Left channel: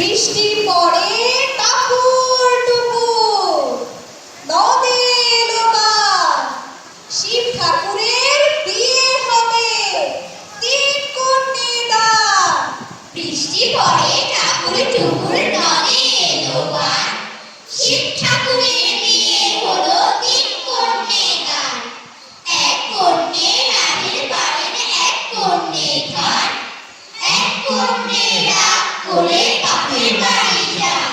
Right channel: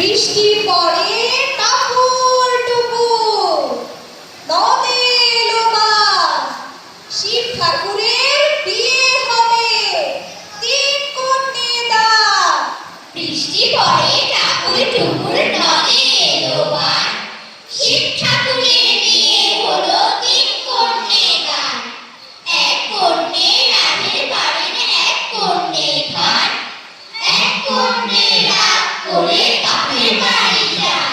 বৃষ্টি পড়ে টাপুর টুপুর, নদে এলো বান, শিব ঠাকুরের বিয়ে হবে, 3 কন্যে দান। বৃষ্টি পড়ে টাপুর টুপুর, নদে এলো বান, শিব ঠাকুরের বিয়ে হলো, 3 কন্যে দান। 1 কন্যে রাধের বাড়েন, 1 কন্যে খান, 1 কন্যে রাগ করে বাপের বাড়ি যান।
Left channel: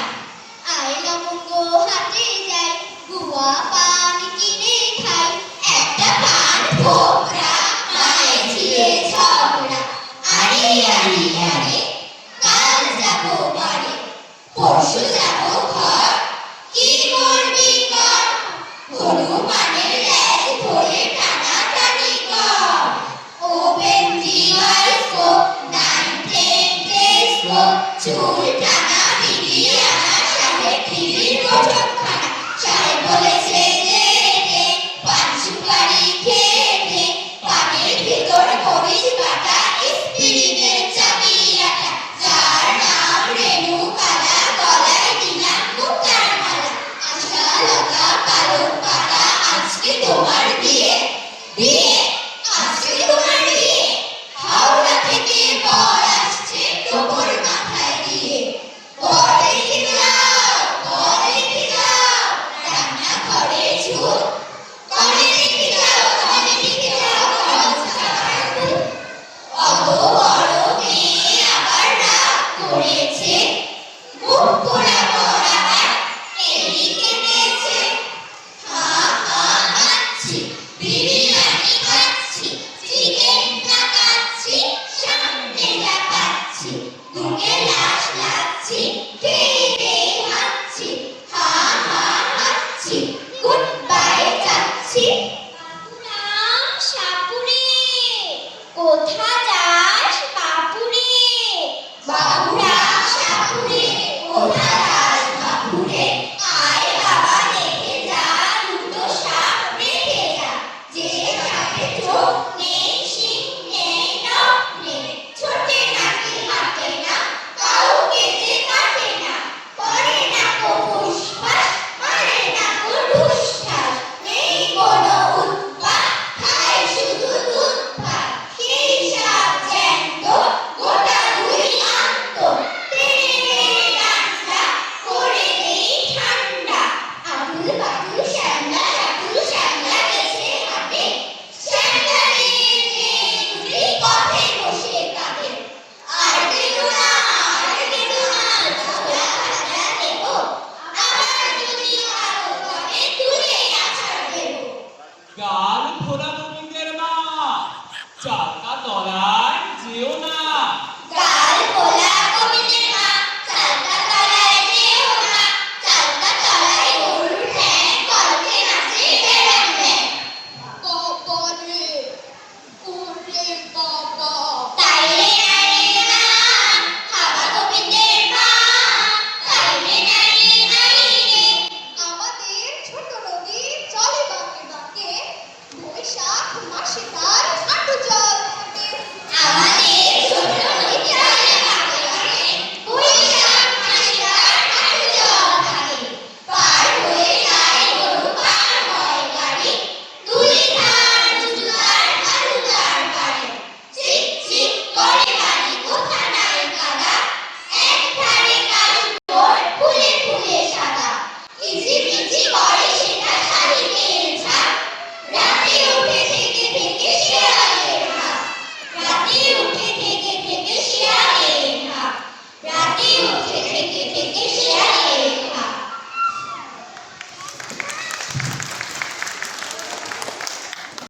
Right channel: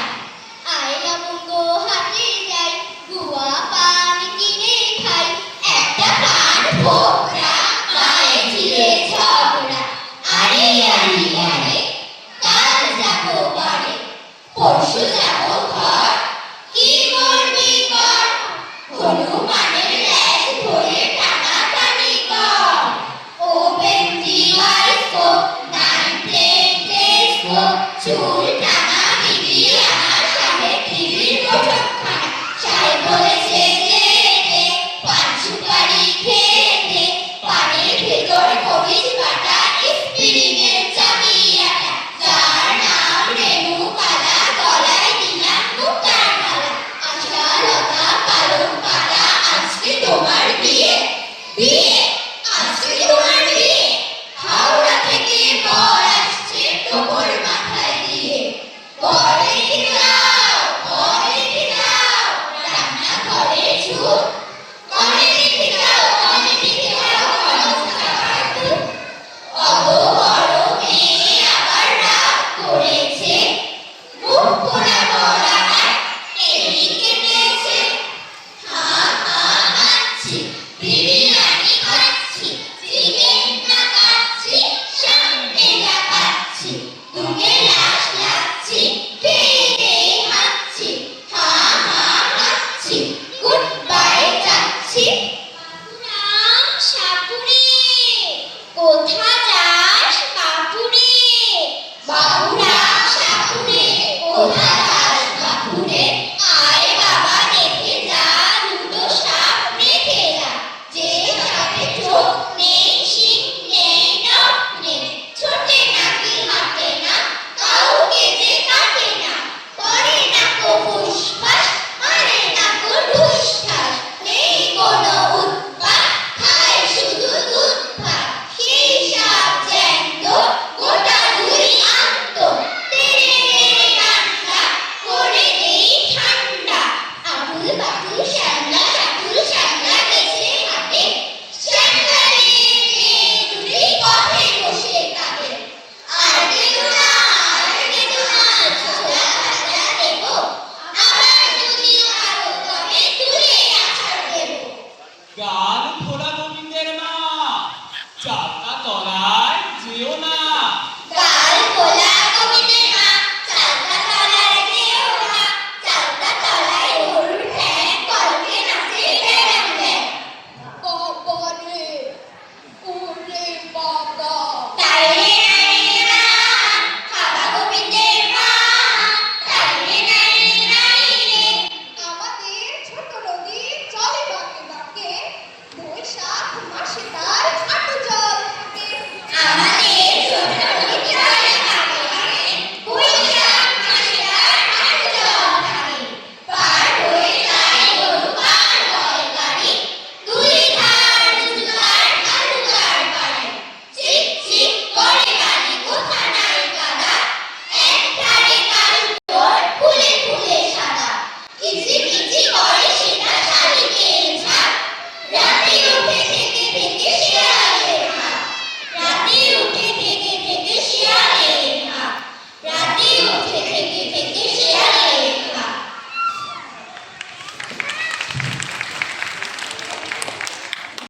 আয়লা মুঙ্গো হাটে যাই, গুয়া পান কিনে খাই, একটা পান ফোকরা, মায়ের ঝিয়ে ঝগড়া। আরে আরে আরে, কাল যাবো বাড়ি, পরশু যাবো ঘর, কি করবি কর, হনুমানের লেজ ধরে টানাটানি কর। Open the eyes, 9, 10 days, চুল